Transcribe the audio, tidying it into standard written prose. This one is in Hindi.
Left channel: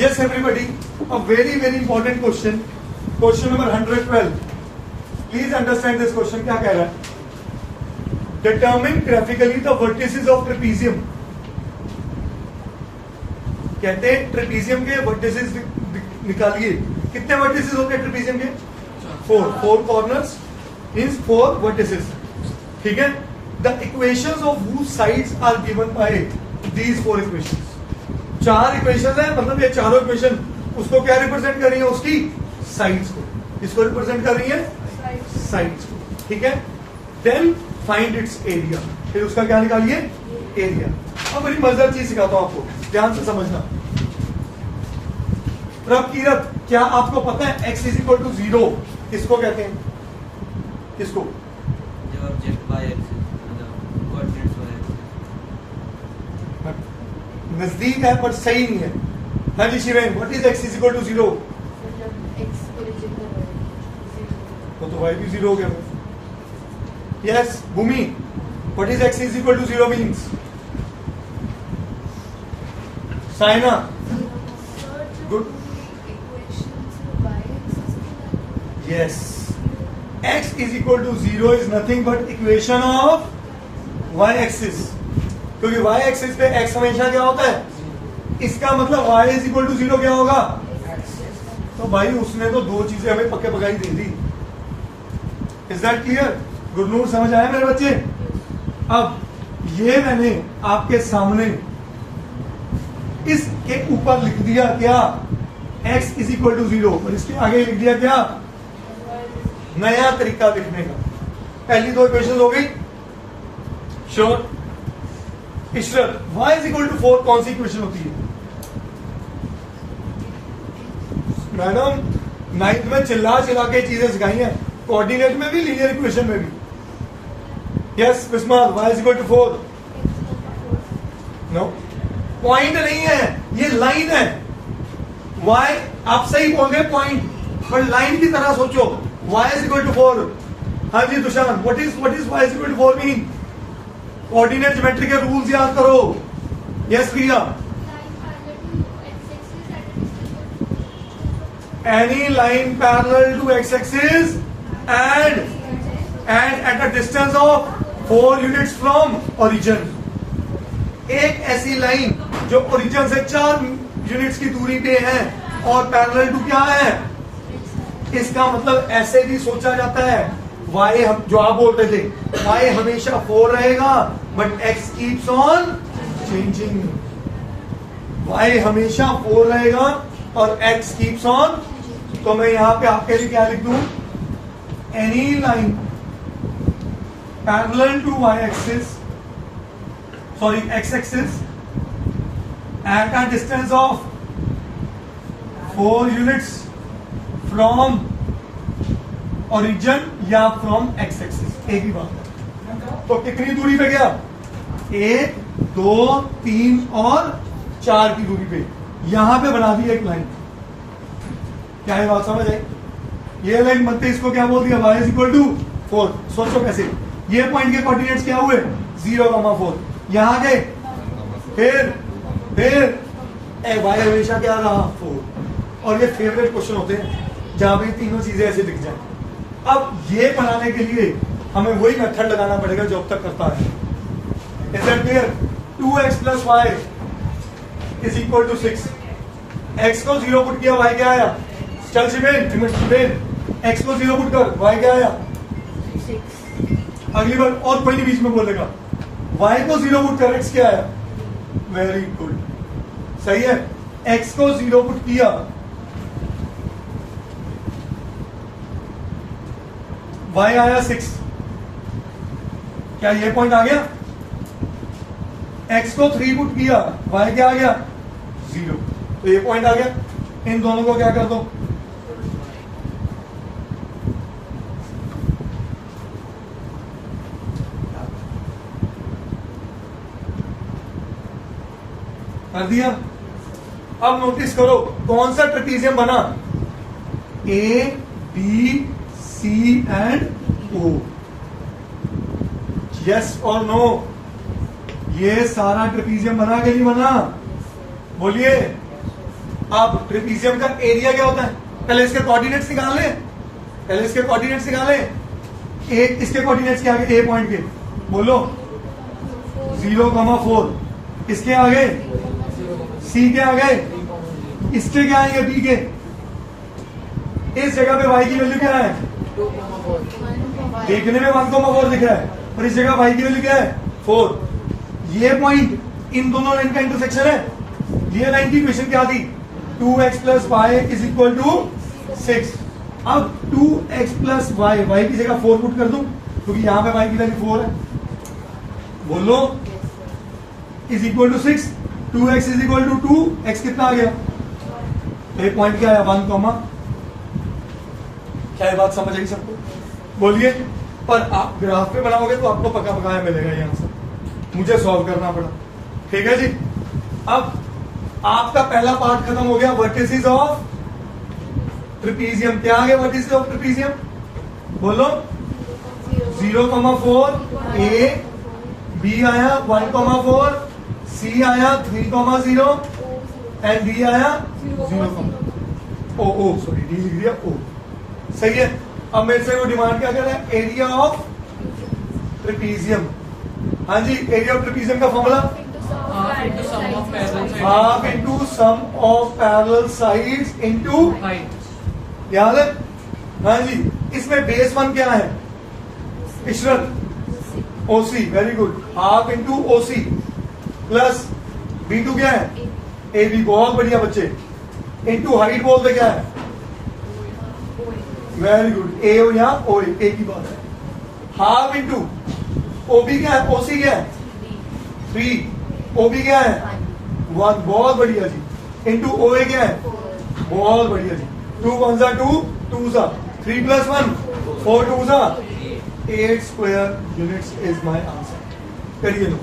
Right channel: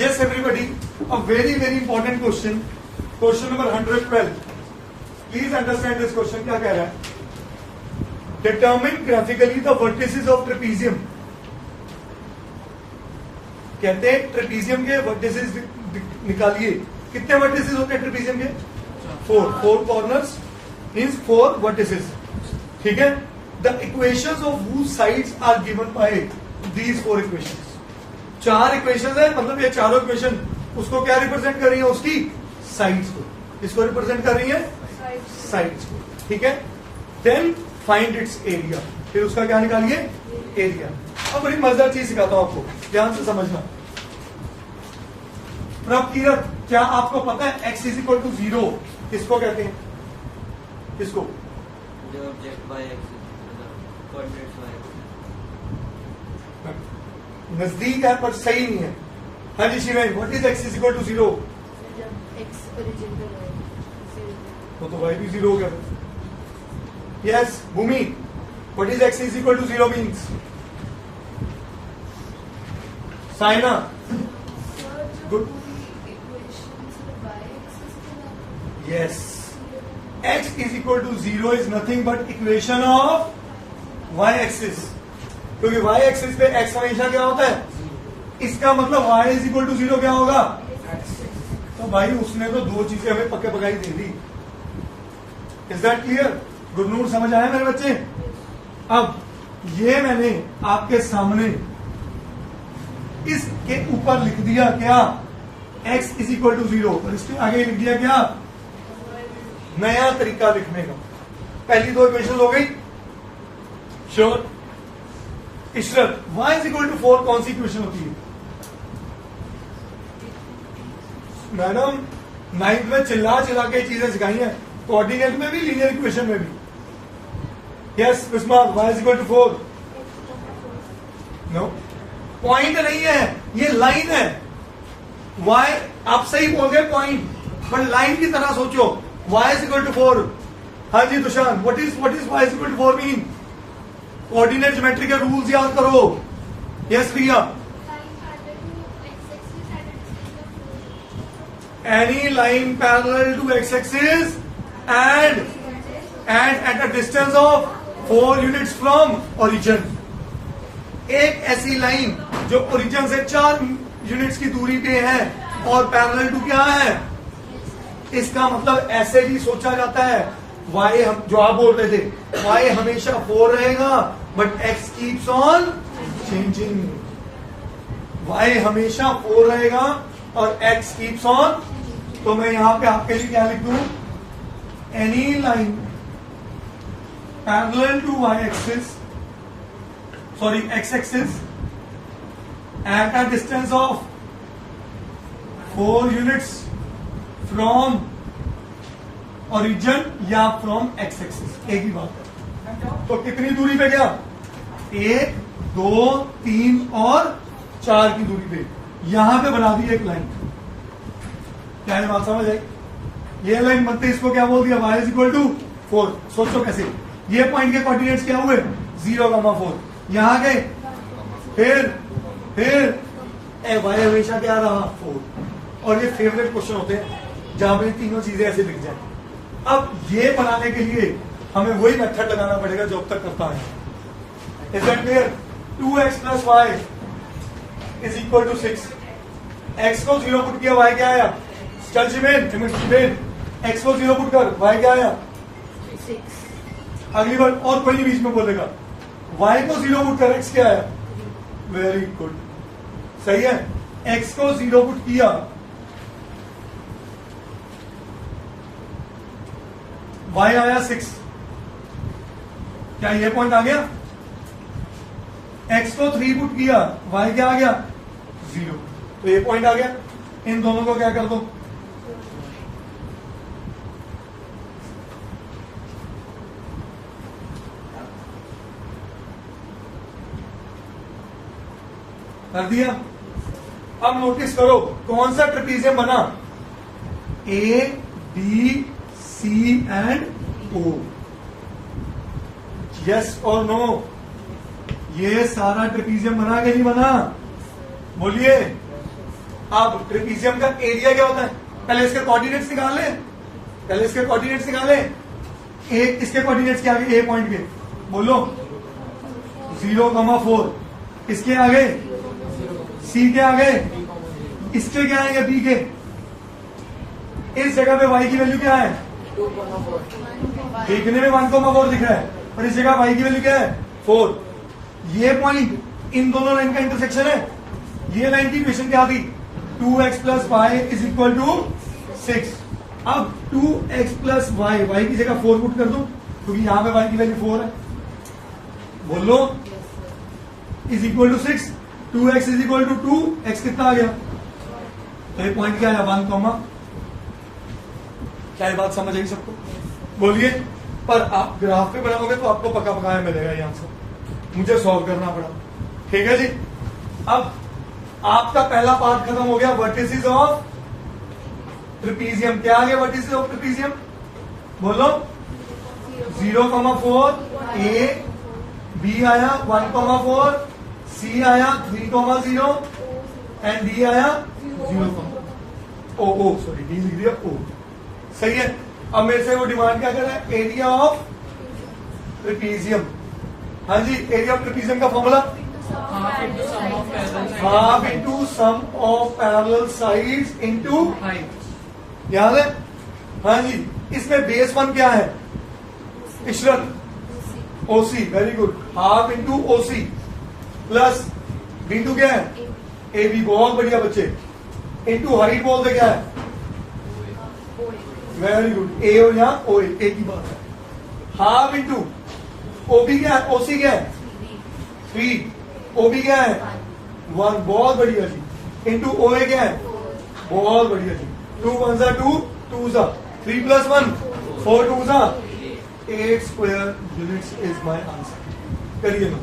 Yes, everybody. A very important question. Question number 112. Please understand this question. क्या कह रहा है? Determine graphically the vertices of trapezium. कहते हैं ट्रेपीजियम के वर्टिसेस निकालिए. कितने वर्टिसेस होते हैं ट्रेपीजियम के? 4 कॉर्नर्स मींस 4 वर्टिसेस. ठीक है. The equations of whose sides are given by these 4 equations. 4 equations है, मतलब ये चारों इक्वेशन उसको क्या रिप्रेजेंट कर रही है? उसकी साइड्स को. इसको रिप्रेजेंट कर रही है साइड्स को. ठीक है. Then find its area. फिर उसका क्या निकालिए? एरिया. अब बड़ी मजेदार चीज सिखाता हूं आपको, ध्यान से समझना. प्रभ कीरत, क्या आपको पता है x इज इक्वल टू 0 किसको कहते हैं? किसको? जो object y axis coordinates y. नजदीक है पर सही नहीं है. हाँ जी Shiven, what is x is equal to 0? तो y भी 0 हो गया. Yes Bhumi, what is x is equal to 0 means? Saina good. Yes, x is equal to 0 is nothing but equation of y axis. क्योंकि y एक्सिस पे x हमेशा क्या होता है? इसका मतलब y इज इक्वल टू 0 क्या होगा? तो भाई उसने तो 2 चीजें हमें पक्के पकाई दे दी. Is that clear? गुरनूर समझ आया मेरे बच्चे? अब ये मैंने आपके सामने इसके ऊपर लिख दिया क्या? x इज इक्वल टू 0 और इसके आगे लिख दिया क्या? नया तरीका लिखने का. पहली 2 इक्वेशन हो गई. श्योर. ईश्वर, y इज इक्वल टू 4 कौन सी इक्वेशन होती है? मैडम 9th में चिल्ला के चीजें सिखाई हैं. कोऑर्डिनेट में भी, लीनियर इक्वेशन में भी. Yes Vismat, y is equal to 4. No, point नहीं है, ये लाइन है. y आप सही बोल गए पॉइंट, पर लाइन की तरह सोचो. y is equal to 4. हाँ जी Tushar, what is y is equal to 4 mean? Coordinate geometry के रूल्स याद करो. Yes Priya. Any line parallel to x axis and at a distance of 4 units from origin. एक ऐसी लाइन जो ओरिजिन से 4 यूनिट्स की दूरी पे है और पैरेलल टू क्या है? इसका मतलब ऐसे भी सोचा जाता है y, हम जो आप बोल रहे थे, y हमेशा 4 रहेगा but x keeps on changing. y हमेशा 4 रहेगा और x कीप्स ऑन. तो मैं यहां पे आपके लिए क्या लिख दूं? Any line parallel to y axis, sorry x axis at a distance of 4 units from origin या from x axis. एक ही बात है. तो कितनी दूरी पे गया? 1, 2, 3 और 4 की दूरी पे यहां पे बना दी एक लाइन. क्या है बात समझ आई? ये लाइन बनते इसको क्या बोल दिया? y is equal to 4. सोचो कैसे. ये पॉइंट के कोऑर्डिनेट्स क्या हुए? 0,4. यहां गए, फिर y हमेशा क्या रहा? 4. और ये फेवरेट क्वेश्चन होते हैं जहां पे तीनों चीजें ऐसे दिख जाए. अब ये बनाने के लिए हमें वही मेथड लगाना पड़ेगा जो अब तक करता है. Is that clear? 2x plus Y is equal to 6. x को 0 पुट किया, y क्या आया? चल शिवेन, x को 0 पुट कर, y क्या आया? 6. अगली बार और कोई नहीं बीच में बोलेगा. y को 0 पुट कर, x क्या आया? वेरी गुड, सही है. x को 0 पुट किया, y आया 6. क्या ये पॉइंट आ गया? x को 3 पुट किया, y क्या आ गया? 0. तो ये पॉइंट आ गया. इन दोनों को क्या कर दो? कर दिया. अब नोटिस करो कौन सा ट्रेपीजियम बना? A, B, C and O. Yes और नो? ये सारा ट्रेपीजियम बना कि नहीं बना? बोलिए. अब ट्रेपीजियम का एरिया क्या होता है? पहले इसके कोऑर्डिनेट्स निकाल लें, पहले इसके कोऑर्डिनेट्स निकालें। एक इसके कोऑर्डिनेट्स क्या आगे? ए पॉइंट के बोलो 0,4, इसके आगे सी के आगे, इसके क्या आएंगे? बी के। इस जगह पे y की वैल्यू क्या है? देखने में 1,4 दिख रहा है, पर इस जगह y की वैल्यू क्या है? 4। ये पॉइंट इन दोनों लाइन का इंटरसेक्शन है। ये लाइन की इक्वेशन क्या थी? 2x plus Y is equal to 6। अब 2x प्लस वाई, वाई की जगह 4 पुट कर दूं, क्योंकि यहां पे y की वैल्यू 4 है। बोलो is equal to 6, 2x is equal to 2, x कितना आ गया? तो ये पॉइंट क्या है? 1, क्या ये बात समझ आई सबको? बोलिए। पर आप ग्राफ पे बनाओगे तो आपको पका पकाया मिलेगा ये आंसर, मुझे सॉल्व करना पड़ा। ठीक है जी। अब आपका पहला पार्ट खत्म हो गया, वर्टिसेस ऑफ ट्रेपीजियम। क्या आ गया वर्टिसेस ऑफ ट्रेपीजियम? बोलो 0,4, ए, बी आया 1,4, सी आया 3,0 एंड डी आया 0, ओ सॉरी डी लिख दिया ओ। सही है। अब मेरे से वो डिमांड क्या कर रहा है? Area of trapezium. हाँ जी, एरिया ऑफ ट्रेपीजियम का formula half into sum of parallel sides into height. याद है? हाँ जी। इसमें बेस 1 क्या है? Ishrat OC, very good. Half into OC plus B2 क्या है? AB, बहुत बढ़िया बच्चे। इंटू हाइट बोलते क्या है? Very good. ए हो या ओ, ए की बात है। हाफ इंटू ओबी क्या है? ओसी क्या है? 3, ओबी क्या है? 1, बहुत बढ़िया जी। इंटू ओए क्या है? बहुत बढ़िया जी। 2 1 2, 2 3 plus 1 4 2 8 square units is my answer. करिए लो।